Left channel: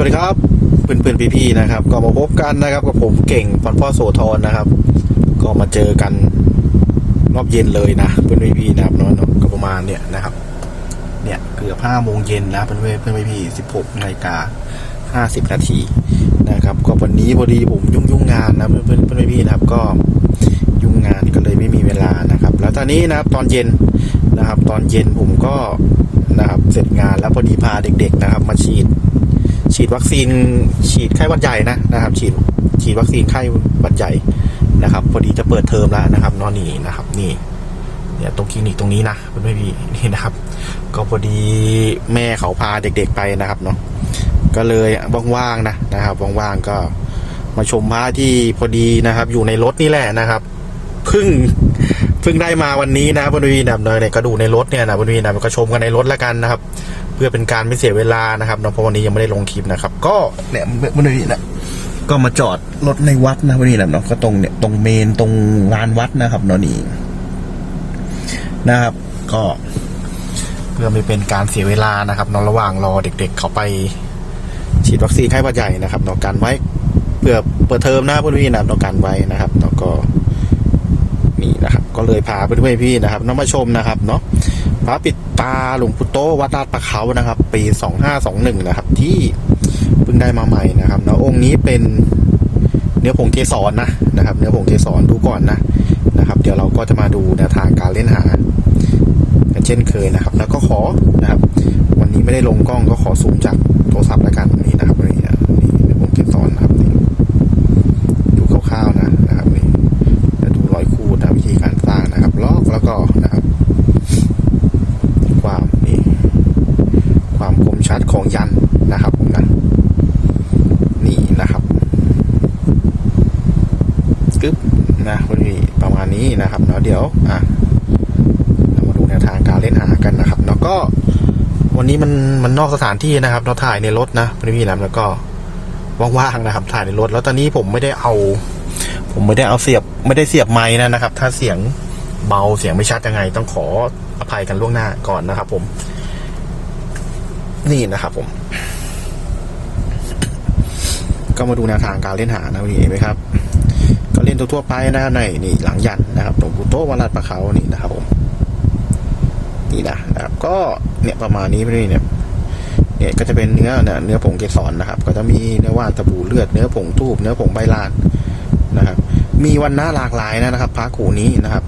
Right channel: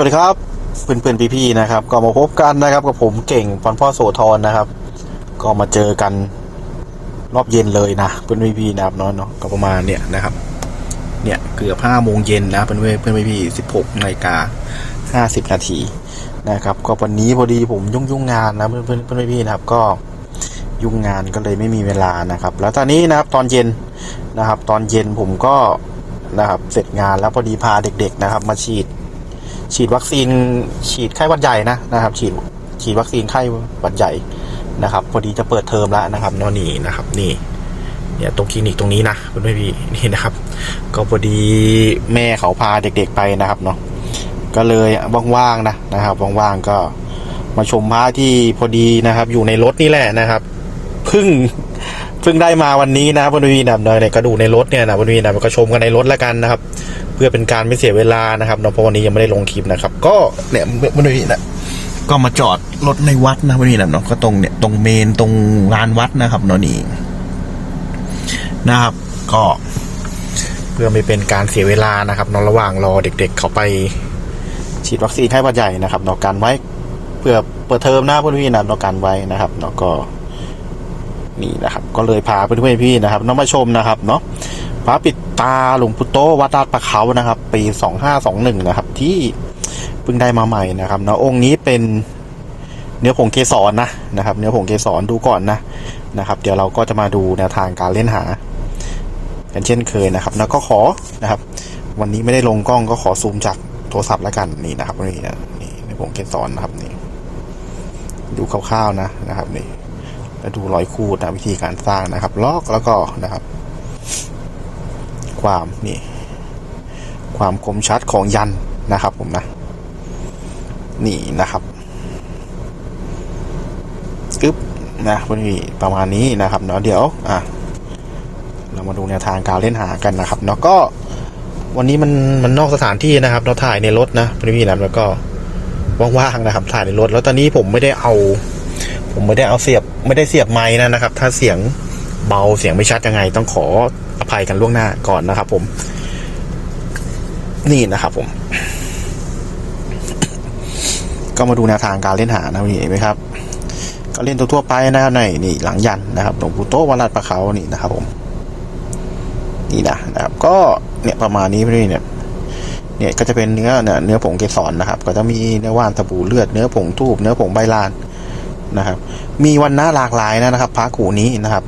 สวัสดีครับเพื่อนเพื่อนๆพี่ๆนะครับ ก็มาพบกันนะครับกับผมเก่งปอนพ่อโสธรนะครับ ก็มาเจอกันรอบเย็นเลยนะเพื่อนพี่ๆนะครับเนาะก็ประมาณเนี่ยนะครับ เนี่ยเกือบห้าโมงเย็นนะเพื่อนเพื่อนพี่ๆสิบหกนาฬิกาห้าสิบนาทีนะครับ ก็วันนี้พอดีผมยุ่งยุ่งงานนะเพื่อนเพื่อนเพื่อนพี่ๆนะครับ ก็ยุ่งงานก็เลยไม่มีเวลานะครับ แล้วตอนนี้นะครับตอนเย็นนะครับ ตอนเย็นผมก็นะครับ เสร็จงานแล้วพอดีพาเด็ก ๆ นะครับ มาฉีด ฉีดวัคซีน ฉีดไข้หวัดใหญ่นะนะครับ ฉีดฉีดวัคซีนไข้หวัดใหญ่นะครับ พอดีจะเปิดเทอมแล้วนะครับนอนนี่นะครับ นี่เนี่ยตรงคลินิกตรงนี้นะเพื่อนพี่นี่นะครับ ก็พอดีแม่เขาพาเด็กๆไปนะครับเนาะก็เลยว่างๆนะนะครับว่างๆก็มาชมพระที่พอดีนะครับ อยู่ในรถนี่แหละนะครับเพิ่งเพิ่งได้มาวันนี้นะเพื่อนพี่นะเนี่ยก็ดูในรถเนี่ยนะเพื่อนพี่นะก็ชมกันในรถแล้วกันนะครับ เพื่อเป็นการไม่เสียเวลานะครับเนาะเพราะวันนี้ยังไม่ได้ลงคลิปนะครับ ก็เนี่ยเมื่อนี้นะก็มาจอดรถในวัดนะวันนี้นะเนาะก็ตรงเนี่ยตรงเมนตรงลานวัดนะครับเนาะนี่นะครับ ก็เพื่อไม่เป็นการเสียเวลานะครับเนาะระหว่างรอเด็ก ๆเขาไปฉีดวัคซีนไข้หวัดใหญ่นะครับเนาะกันไว้เพื่อเปิดเทอมหน้าเพื่อนพี่นะเนาะกันไว้นะครับเนาะก็นี่นะครับ ก็เลยพาเพื่อนๆพี่นะครับน้องมาชมนะครับ เนาะ พระปิดตาหลวงปู่โตวัดลาดประเขานะครับ ปีสองห้าสองหนึ่งนะครับ ที่เพิ่งได้มาใหม่นะครับนะองค์นี้เป็นเนื้อผงเกสรนะนะครับ เนื้อผงเกสรดูก่อนนะนะครับ เดี๋ยวเราก็จะมาดูแนวทางการเล่นหากันเช่นเคยนะครับ แล้วก็ขอนะครับ วันนี้ไม่ได้ลงกล้องก็ขอซูมจากโทรศัพท์แล้วกันนี่นะครับนี่นะนี่เนื้อผงเกสรนะครับนี่ดูคร่าวๆนะนะครับนี่แล้วดูรอยคูดนะวิธีการสร้างนะครับ ลอกแล้วก็นะครับ ความนี่ความคมชัดของยันนะครับผมนะนี่นะครับกึ๊บนะพอดีประมาณนี้นะครับเนาะเดี๋ยวอะเรามาดูแนวทางการเล่นหากันนะครับเนาะก็วันนี้มันมันนอกสถานที่นะครับ เราถ่ายในรถนะพี่ๆนะแล้วก็ว่างๆนะครับ ถ่ายในรถ แล้วตอนนี้ผมไม่ได้เอา ผมไม่ได้เอาเสียบไม่ได้เสียบไม้นะนะครับ ถ้าเสียงเบาเสียงไม่ชัดยังไงต้องขอ ภัยกันล่วงหน้าก่อนนะครับ ผม นี่นะครับ ผม ก็มาดูแนวทางการเล่นหานะวันนี้เห็นไหมครับ ก็เล่นทั่วๆไปนะครับในนี่หลังยันนะครับหลวงปู่โตวัดลาดประเขานี่นะครับ ผมนี่นะนะครับ ก็เนี่ยประมาณนี้พี่เนี่ยเนี่ยก็จะเป็นเนื้อเนี่ยเนื้อผงเกสรนะครับ ก็จะมีเนื้อว่านตะบูเลือดเนื้อผงทูบเนื้อผงใบลานนะครับ มีวันน้าหลากหลายนะครับพระกูนี้นะครับ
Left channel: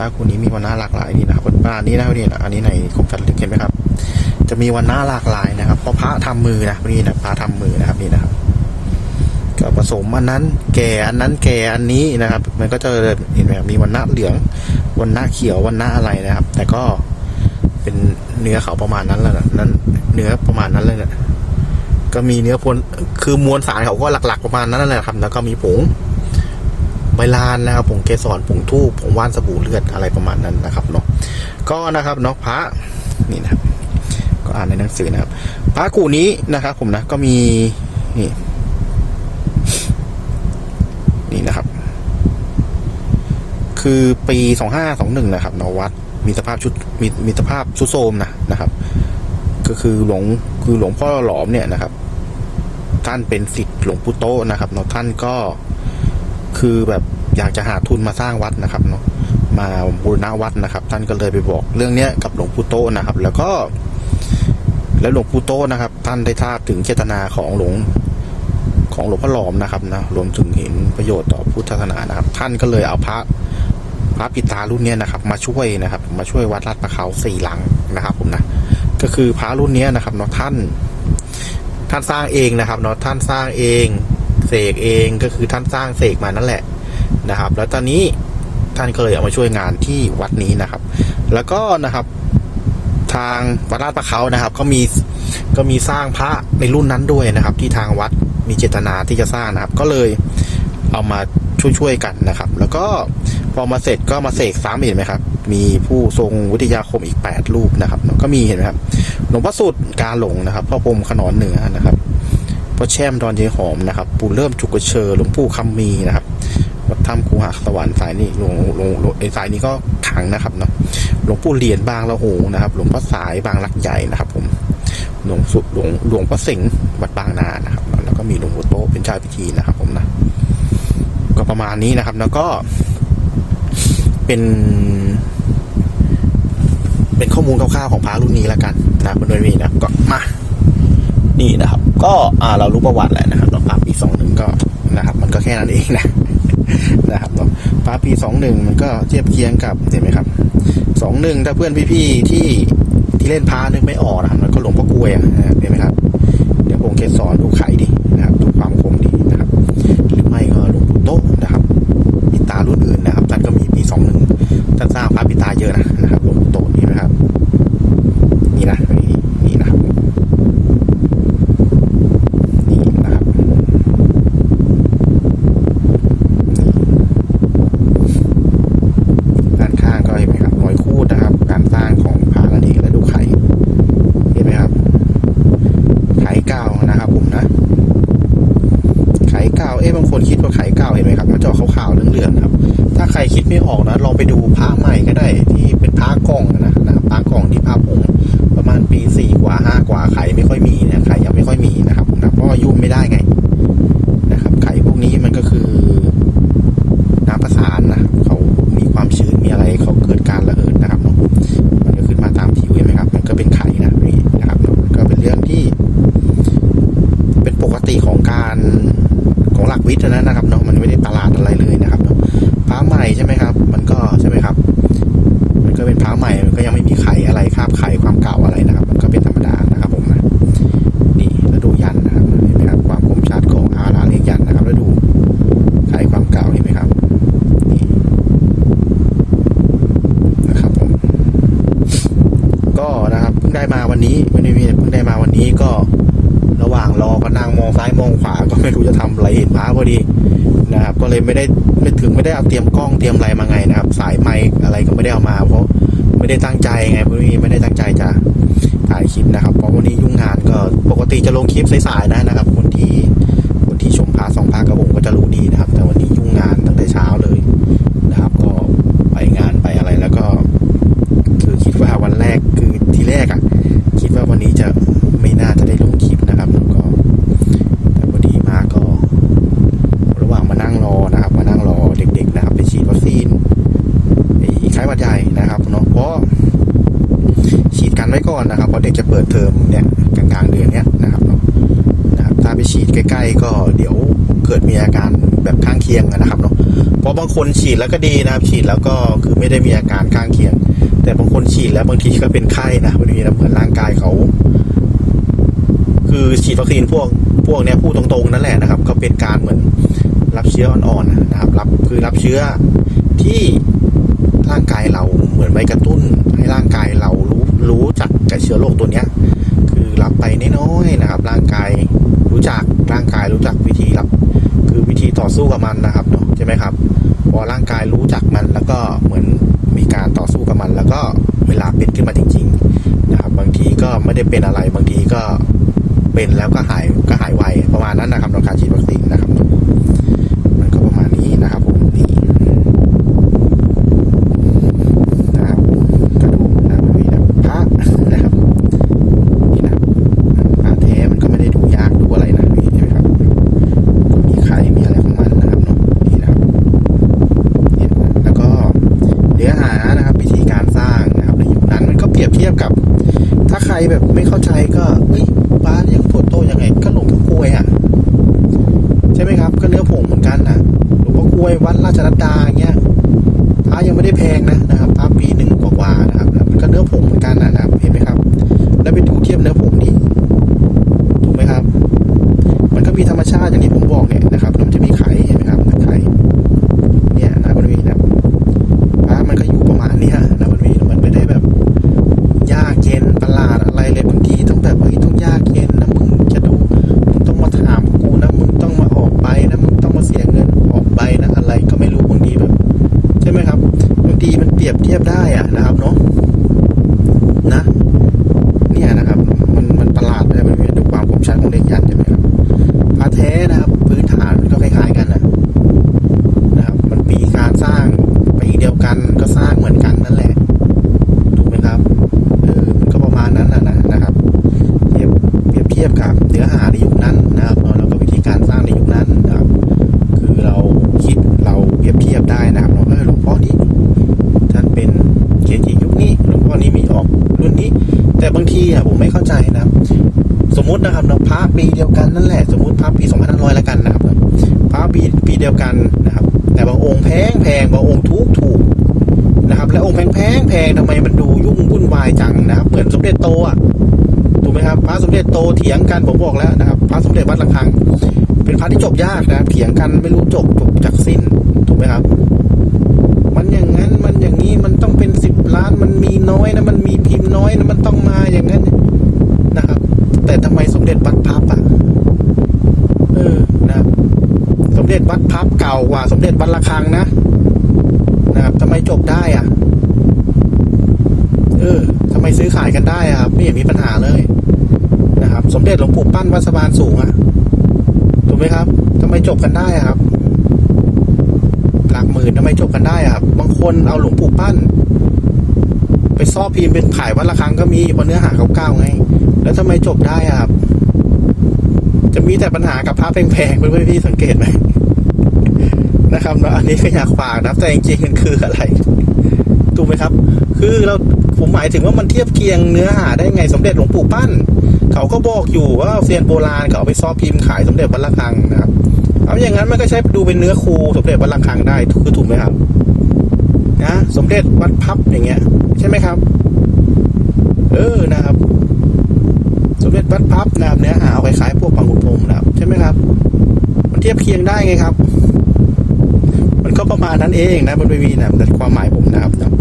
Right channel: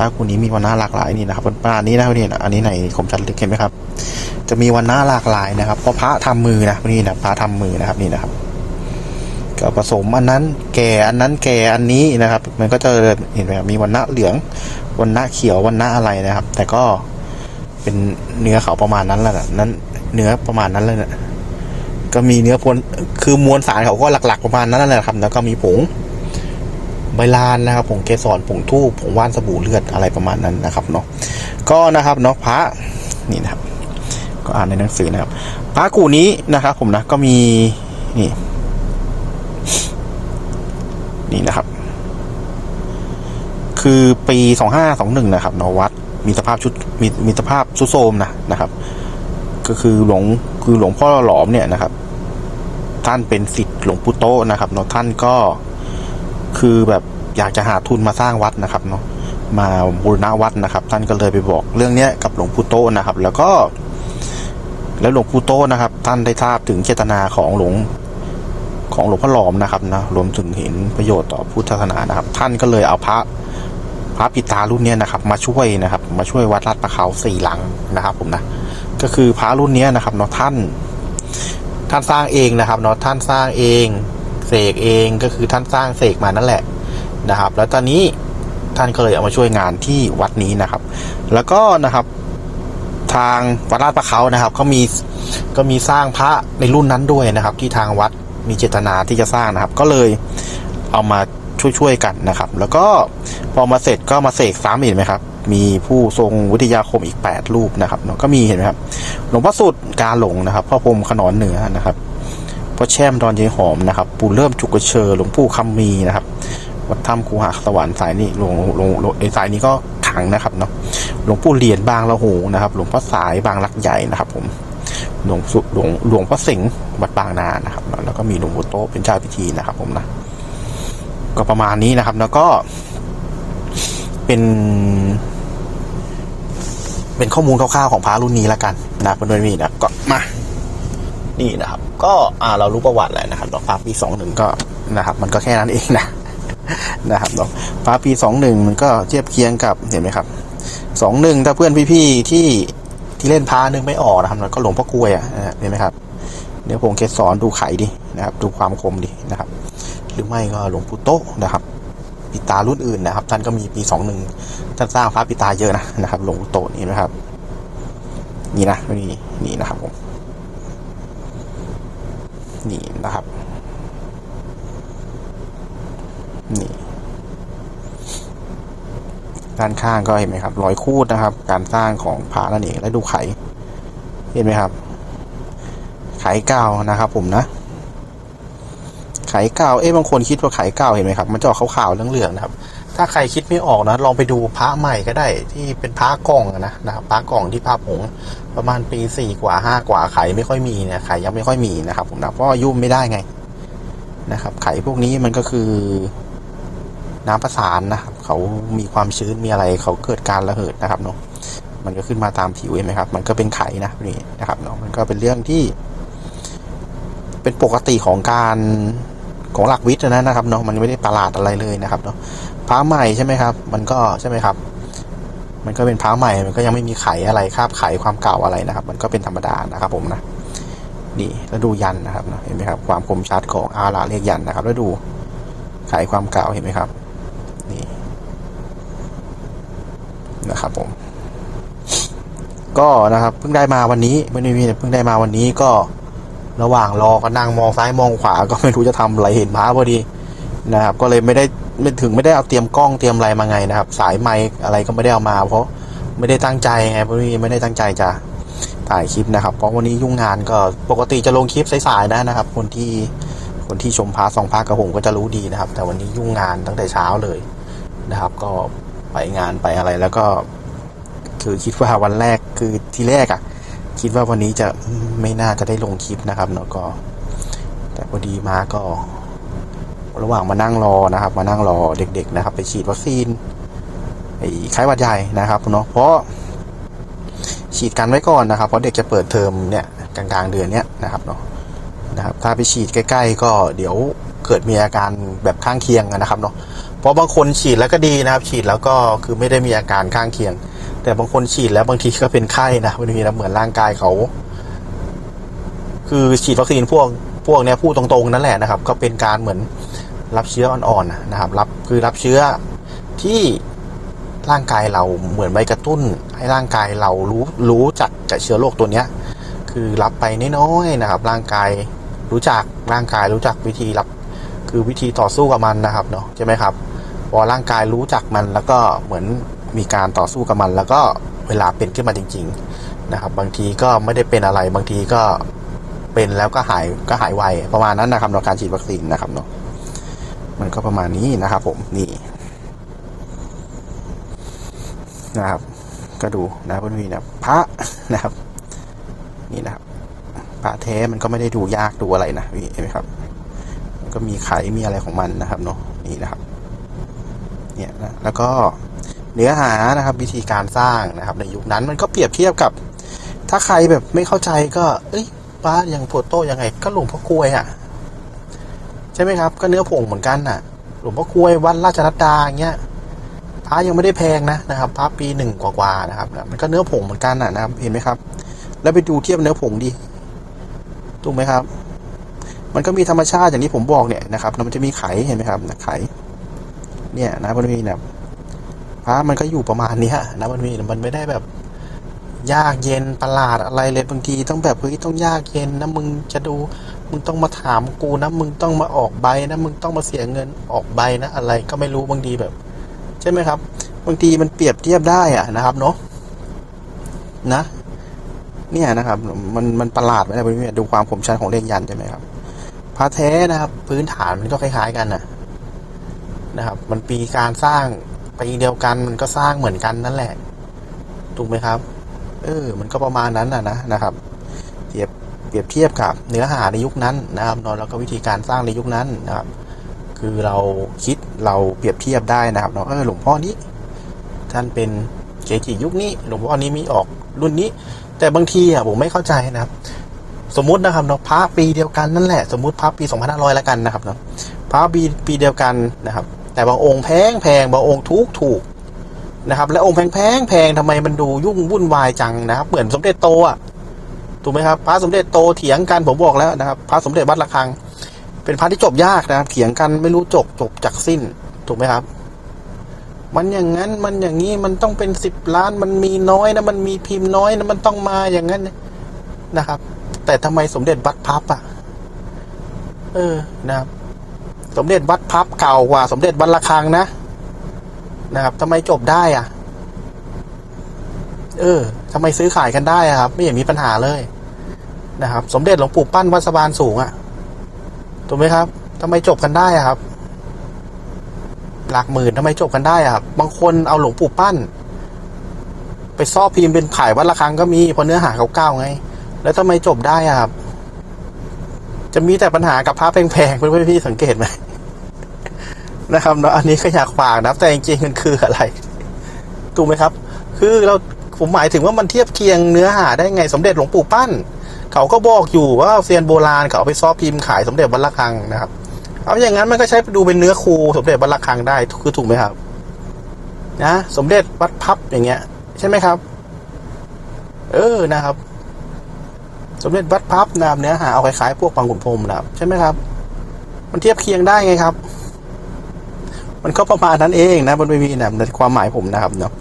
พระกูนี้มีวันหน้าหลากหลายนี่นะครับประมาณนี้นะครับนี่นะอันนี้ในคมชัดลึกเห็นไหมครับ จะมีวันหน้าหลากหลายนะครับเพราะพระทำมือนะนี่นะพระทำมือนะครับนี่นะครับก็ผสมอันนั้นแก่อันนั้นแก่อันนี้นะครับ มันก็จะเห็นไหมครับมีวันหน้าเหลืองวันหน้าเขียววันหน้าอะไรนะครับ แต่ก็เป็นเนื้อเขาประมาณนั้นแหละนะนั้น เนื้อประมาณนั้นเลยนะก็มีเนื้อพลคือมวลสารเขาก็หลัก ๆ ประมาณนั้นแหละครับ แล้วก็มีผง ใบลานนะครับผงเกสรผงทูบผงว่านสบู่เลือดอะไรประมาณนั้นนะครับเนาะก็นะครับเนาะพระนี่นะครับ ก็อ่านในหนังสือนะครับ พระกูนี้นะครับ ผมนะก็มีนี่ นี่นะครับ คือปีสองห้าสองหนึ่งนะครับเนาะวัดมีสภาพชุดมีมีสภาพชุดโทมนะนะครับ ก็คือหลวงคือหลวงพ่อหลอมเนี่ยนะครับ ท่านเป็นศิษย์หลวงปู่โตนะครับเนาะท่านก็ คือแบบอยากจะหาทุนมาสร้างวัดนะครับเนาะมาบูรณะวัดนะครับ ท่านก็เลยไปบอกเรื่องเนี้ยกับหลวงปู่โตนะครับ แล้วก็ แล้วหลวงปู่โตนะครับ ท่านได้ทราบถึงเจตนาของหลวงของหลวงพ่อหลอมนะครับนะรวมถึงเห็นประโยชน์ต่อพุทธศาสนานะครับ ท่านก็เลยเอาพระพระปิตารุ่นเนี้ยนะครับ มาช่วยนะครับ มาช่วยวัดลาดประเขาสี่หลังนะครับ ผมนะก็คือพระรุ่นเนี้ยนะครับเนาะท่าน ท่านสร้างเองนะครับเนาะท่านสร้างเอง เสกเองก็คือท่านสร้างเสกมานั่นแหละนะครับ แล้วตอนนี้ท่านก็เลยเอามาช่วยงานที่วัดนี้นะครับ แล้วก็นะครับทางวัดลาดประเขานะครับ ก็มีก็มีสร้างพระในรุ่นนั้นด้วยนะครับ ที่ทางวัดมีเจตนาที่จะสร้างนะครับ ก็เลยเอามาช่วยๆกันนะครับ แล้วก็พอมาเสร็จก็มาเสกซ้ำเห็นไหมครับ มีผู้ทรงวิทยาคมอีก 8 รูปนะครับก็มีเห็นไหมครับ หลวงพ่อสุดกาหลงนะครับพ่อพรมขนอนเหนือนะครับ พ่อแช่มดอนเยหอมนะครับ ปู่เริ่มจุกเชอหลวงปู่คำมีนะครับวัดถ้ำคูหาสวรรค์สายนี้ลวงหลงลงไอ้สายนี้ก็ขังนะครับเนาะหลวงปู่เหรียญบางละหงนะครับหลวงพ่อสายบางลักใหญ่นะครับ ผมหลวงสุหลวงหลวงพ่อเสงวัดบางนานะครับ แล้วก็มีหลวงปู่โตเป็นเจ้าพิธีนะครับ ผมนะก็ประมาณนี้นะครับ แล้วก็ เป็น เป็นข้อมูลคร่าวๆของพระรุ่นนี้แล้วกันนะมันไม่มีนะก็มา นี่นะครับ ก็อ่าเรารู้ประวัติแหละนะครับเนาะพระปีสองหนึ่งก็นะครับ มันก็แค่นั้นเองนะนะครับเนาะพระปีสองหนึ่งมันก็เทียบเคียงกับเห็นไหมครับสองหนึ่งถ้าเพื่อนพี่ๆที่ที่เล่นพระนึกไม่ออกนะครับมันก็หลวงพ่อกลวยอะนะเห็นไหมครับเดี๋ยวผมเคสอนดูไข่ดินะครับ ดูความคมดินะครับ หรือไม่ก็หลวงปู่โตนะครับปิตารุ่นอื่นนะครับท่านก็มีปีสองหนึ่งท่านสร้างพระปิตาเยอะนะนะครับหลวงปู่โตนี่นะครับ นี่นะนี่นี่นะครับผมนี่นะครับนี่ ด้างก็เห็นไหมครับรอยคูดนะครับ การสร้างของพระนั่นเองและดูไข่เห็นไหมครับ ไข่เก้านะครับ ผมนะ ไข่เก่าเอ๊ะบางคนคิดว่าไข่เก่าเห็นไหมครับมันจะออกขาวๆเหลืองๆนะครับ ถ้าใครคิดไม่ออกนะลองไปดูพระใหม่ก็ได้ ที่เป็นพระกล่องนะนะครับพระกล่องที่พระผงประมาณปีสี่กว่าห้ากว่าไข่ไม่ค่อยมีนะไข่ยังไม่ค่อยมีนะครับ ผมนะเพราะยุ่มไม่ได้ไงนะครับ ไข่พวกนี้มันก็คือ น้ำประสานนะครับเขามีความชื้นมีอะไรเขาเกิดการระเหิดนะครับเนาะมันก็ขึ้นมาตามผิวเห็นไหมครับ มันก็เป็นไข่นะนี่นะครับเนาะมันก็เป็นเรื่องที่ เป็นปกติของการของหลักวิทย์นะนะครับเนาะมันไม่ได้ประหลาดอะไรเลยนะครับเนาะพระใหม่ใช่ไหมครับ มันก็ใช่ไหมครับ มันก็เป็นพระใหม่ มันก็ยังไม่มีไข่อะไรคาบไข่ความเก่าอะไรนะครับ มันก็เป็นธรรมดานะครับผมนะนี่แล้วดูยันนะครับเห็นไหมครับความคมชัดของอาราเรียกยันนะครับแล้วดู ไขความเก่าเห็นไหมครับ นี่นะครับผม ก็นะครับเพิ่งได้มาวันนี้ไม่ได้มีเพิ่งได้มาวันนี้ก็ระหว่างรอก็นั่งมองซ้ายมองขวาก็ไม่รู้จะทำอะไรเห็นพระพอดีนะครับ ก็เลยไม่ได้ไม่ถึงไม่ได้เอาเตรียมกล้องเตรียมอะไรมาไงนะครับ สายไมค์อะไรก็ไม่ได้เอามา เพราะไม่ได้ตั้งใจไงพราะไม่ได้ตั้งใจจะถ่ายคลิปนะครับ เพราะวันนี้ยุ่งงานก็ปกติจะลงคลิปสายๆนะนะครับคนที่ ที่ชมพาสองพากับผมก็จะรู้ดีนะครับ แต่วันนี้ยุ่งงานตั้งแต่เช้าเลยนะครับ ก็ไปงานไปอะไรแล้วก็ คือคิดว่าวันแรกคือที่แรกอะ่ะ คิดว่าวันนี้จะไม่น่าจะได้ลงคลิปนะครับแล้วก็ แต่พอดีมาก็ ระหว่างมานั่งรอนะครับ มานั่งรอเด็ก ๆ นะครับ ไปฉีดวัคซีนไอ้ไข้หวัดใหญ่นะครับเนาะเพราะฉีดกันไว้ก่อนนะครับเพราะเด็กจะเปิดเทอมเนี่ยกลางๆเดือนเนี้ยนะครับเนาะ ถ้าไปฉีดใกล้ ๆ ก็เดี๋ยวเกิดมีอาการแบบข้างเคียงนะครับเนาะเพราะบางคนฉีดแล้วก็ดีนะครับ ฉีดแล้วก็คือไม่ได้มีอาการข้างเคียง แต่บางคนฉีดแล้วบางทีก็เป็นไข้นะบางทีนะเหมือนร่างกายเขา คือฉีดวัคซีนพวกพวกเนี้ยพูดตรงๆนั่นแหละนะครับ ก็เป็นการเหมือนรับเชื้ออ่อนๆนะครับ รับคือรับเชื้อที่ร่างกายเราเหมือนไปกระตุ้น ให้ร่างกายเรารู้รู้จักกับเชื้อโรคตัวเนี้ย คือรับไปน้อยๆนะครับ ร่างกาย รู้จักร่างกายรู้จักวิธีรับ คือวิธีต่อสู้กับมันนะครับเนาะใช่ไหมครับพอร่างกายรู้จักมันแล้วก็เหมือนมีการต่อสู้กับมัน แล้วก็เวลาเป็นขึ้นมาจริง ๆ นะครับ บางทีก็ไม่ได้เป็นอะไรบางทีก็เป็นแล้วก็หายก็หายไวประมาณนั้นนะครับในการฉีดวัคซีนนะครับเนาะมันก็ประมาณนี้นะครับผมนี่นะครับ ก็ดูนะมันมีนะพระนะครับ นี่นะครับพระแท้มันก็ไม่ได้ดูยากดูอะไรนะนี่เห็นไหมครับ ก็มีไข่มีอะไรของมันนะครับเนาะนี่นะครับเนี่ยนะแล้วก็เนื้อหานะครับวิธีการสร้างนะครับ ในยุคนั้นมันก็เปรี ยบเทียบกับ ถ้าใครแบบไม่เข้าใจก็เอ้ยบ้าอย่างโฟโต้ยังไง ก็หลวงพ่อกลวยอะ ใช่ไหมครับ ก็เนื้อผงเหมือนกันอะ หลวงพ่อกลวยวัดราชรัตดาอย่างเงี้ยพระยังไม่ได้แพงนะนะครับพระปีหนึ่งกว่าๆนะครับมันก็เนื้อผงเหมือนกันอะนะครับ เห็นไหมครับ แล้วไปดูเทียบเนื้อผงดิถูกไหมครับ มันก็มีธรรมชาติอย่างที่ผมบอกเนี่ยนะครับมันจะมีไข่เห็นไหมครับไข่เนี่ยนะมันมีแบบพระมันก็อยู่ประมาณนี้นะมันมีมันไม่ได้แบบ ยากเย็นประหลาดอะไรเลยบางทีต้องแบบเฮ้ยต้องยากเย็นนะมึงจะดูมึงต้องมาถามกูนะมึงต้องมาออกใบนะมึงต้องมาเสียเงินออกใบนะอะไรก็ไม่รู้บางทีแบบ ใช่ไหมครับ บางทีมันเปรียบเทียบได้อะนะครับเนาะนะ เนี่ยนะครับ มันมันประหลาดนะไปดูความคมชัดของเลขยันใช่ไหมครับพระแท้นะครับ พื้นฐานมันก็คล้ายๆกันนะนะครับ มันปีการสร้างปีเดียวกันมันก็สร้างเหมือนกันนั่นแหละถูกไหมครับ เออมันก็ประมาณนั้นนะนะนะครับเปรียบเปรียบเทียบกับเนื้อหาในยุคนั้นนะครับเนาะแล้วก็วิธีการสร้างในยุคนั้นนะครับ คือเราคิดเราเปรียบเทียบได้นะครับเนาะเออหลวงพ่อนี้ท่านเป็นเกจิยุคนี้หลวงพ่อนี้มีออกรุ่นนี้ แต่บางทีอะผมไม่เข้าใจนะครับ สมมตินะครับเนาะพระปีเดียวกันนั่นแหละสมมติพระปี2500แล้วกันนะครับเนาะพระปีปีเดียวกันนะครับ แต่บางองค์แพงแพงบางองค์ถูกถูก นะครับ และองค์แพงแพงแพงทำไมมันดูยุ่งวุ่นวายจังนะครับ เหมือนสมเด็จโตอะถูกไหมครับ พระสมเด็จโตเถียงกันผมบอกแล้วนะครับ พระสมเด็จวัดระฆัง เป็นพระที่จบยากนะครับเถียงกันไม่รู้จบจบจากสิ้นถูกไหมครับ มันอย่างนั้นมันอย่างนี้มันต้องเป็นสิบล้านมันมีน้อยนะมันมีพิมพ์น้อยนะมันต้องมาอย่างนั้นนะครับ แต่ทำไมสมเด็จวัดพับอะเออนะครับสมเด็จวัดพับเก่ากว่า สมเด็จวัดระฆังนะ นะครับทำไมจบได้อะเออทำไมซื้อขายกันได้อะครับ ไม่เห็นมีปัญหาเลยนะครับ สมเด็จหลวงปู่ปั้นวัดสะบานสูงอะถูกไหมครับทำไมจบกันได้อะครับ หลักหมื่นทำไมจบกันได้อะครับ บางคนเอาหลวงปู่ปั้น ไปซ่อพิมพ์เป็นขายวัดละครังก็มีเพราะเนื้อหาเขาเก้าไง แล้วทำไมจบได้อะครับ จะมีแต่ปัญหากับพระแพงๆเพื่อนๆพี่สังเกตไหม นะครับเนาะอันนี้ก็อยากฝากนะแต่จริงๆมันคืออะไรถูกไหมครับ คือเราผมหมายถึงว่ามันเทียบเคียงเนื้อหาได้ไงสมเด็จหลวงปู่ปั้น เขาก็บอกอยู่ว่าเซียนโบราณเขาเอาไปซ่อพิมพ์ขายสมเด็จวัดระฆังนะครับเอาอย่างนั้นมันก็ใช้ดูเป็นเนื้อคูสมเด็จวัดระฆังได้คือถูกไหมครับนะสมเด็จวัดพับอย่างเงี้ย ใช่ไหมครับ เออนะครับ สมเด็จวัดพับนะครับเนื้อหาเอาคล้ายๆพวกปังกุฎพรมนะครับ ใช่ไหมครับ มันเทียบเคียงได้ไงครับ มันก็ประมาณนั้นเองนะบนเวทีนะแต่ความหมายผมนะครับเนาะ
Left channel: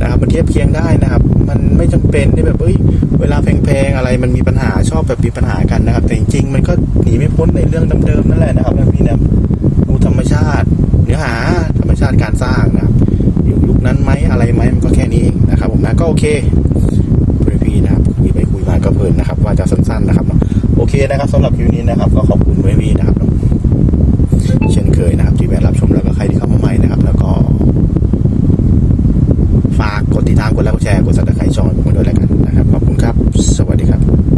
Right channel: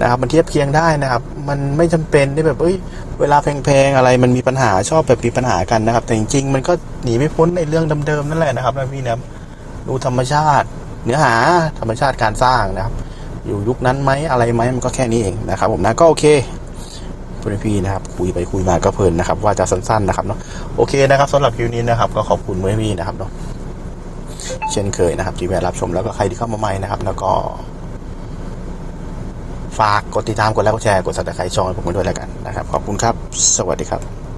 นะครับ มันเทียบเคียงได้นะครับ มันไม่จำเป็นที่แบบเอ้ยเวลาแพงๆอะไรมันมีปัญหาชอบแบบมีปัญหากันนะครับ แต่จริงๆมันก็หนีไม่พ้นในเรื่องเดิมๆนั่นแหละนะครับพี่นะดูธรรมชาติ เนื้อหาธรรมชาติการสร้างนะครับ อยู่ยุคนั้นไหมอะไรไหมมันก็แค่นี้เองนะครับ ผมนะก็โอเคคุณพี่นะครับคุยไปคุยมาก็เพลินนะครับ ว่าจะสั้นๆนะครับเนาะโอเคนะครับสำหรับคลิวนี้นะครับ ก็ขอบคุณเมื่อพี่นะครับ เช่นเคยนะครับที่แวะรับชมแล้วก็ใครที่เข้ามาใหม่นะครับ แล้วก็ ฝากกดติดตามกดไลค์กดแชร์กดซับสไครต์ช่องให้ผมด้วยแล้วกันนะครับ ขอบคุณครับ สวัสดีครับ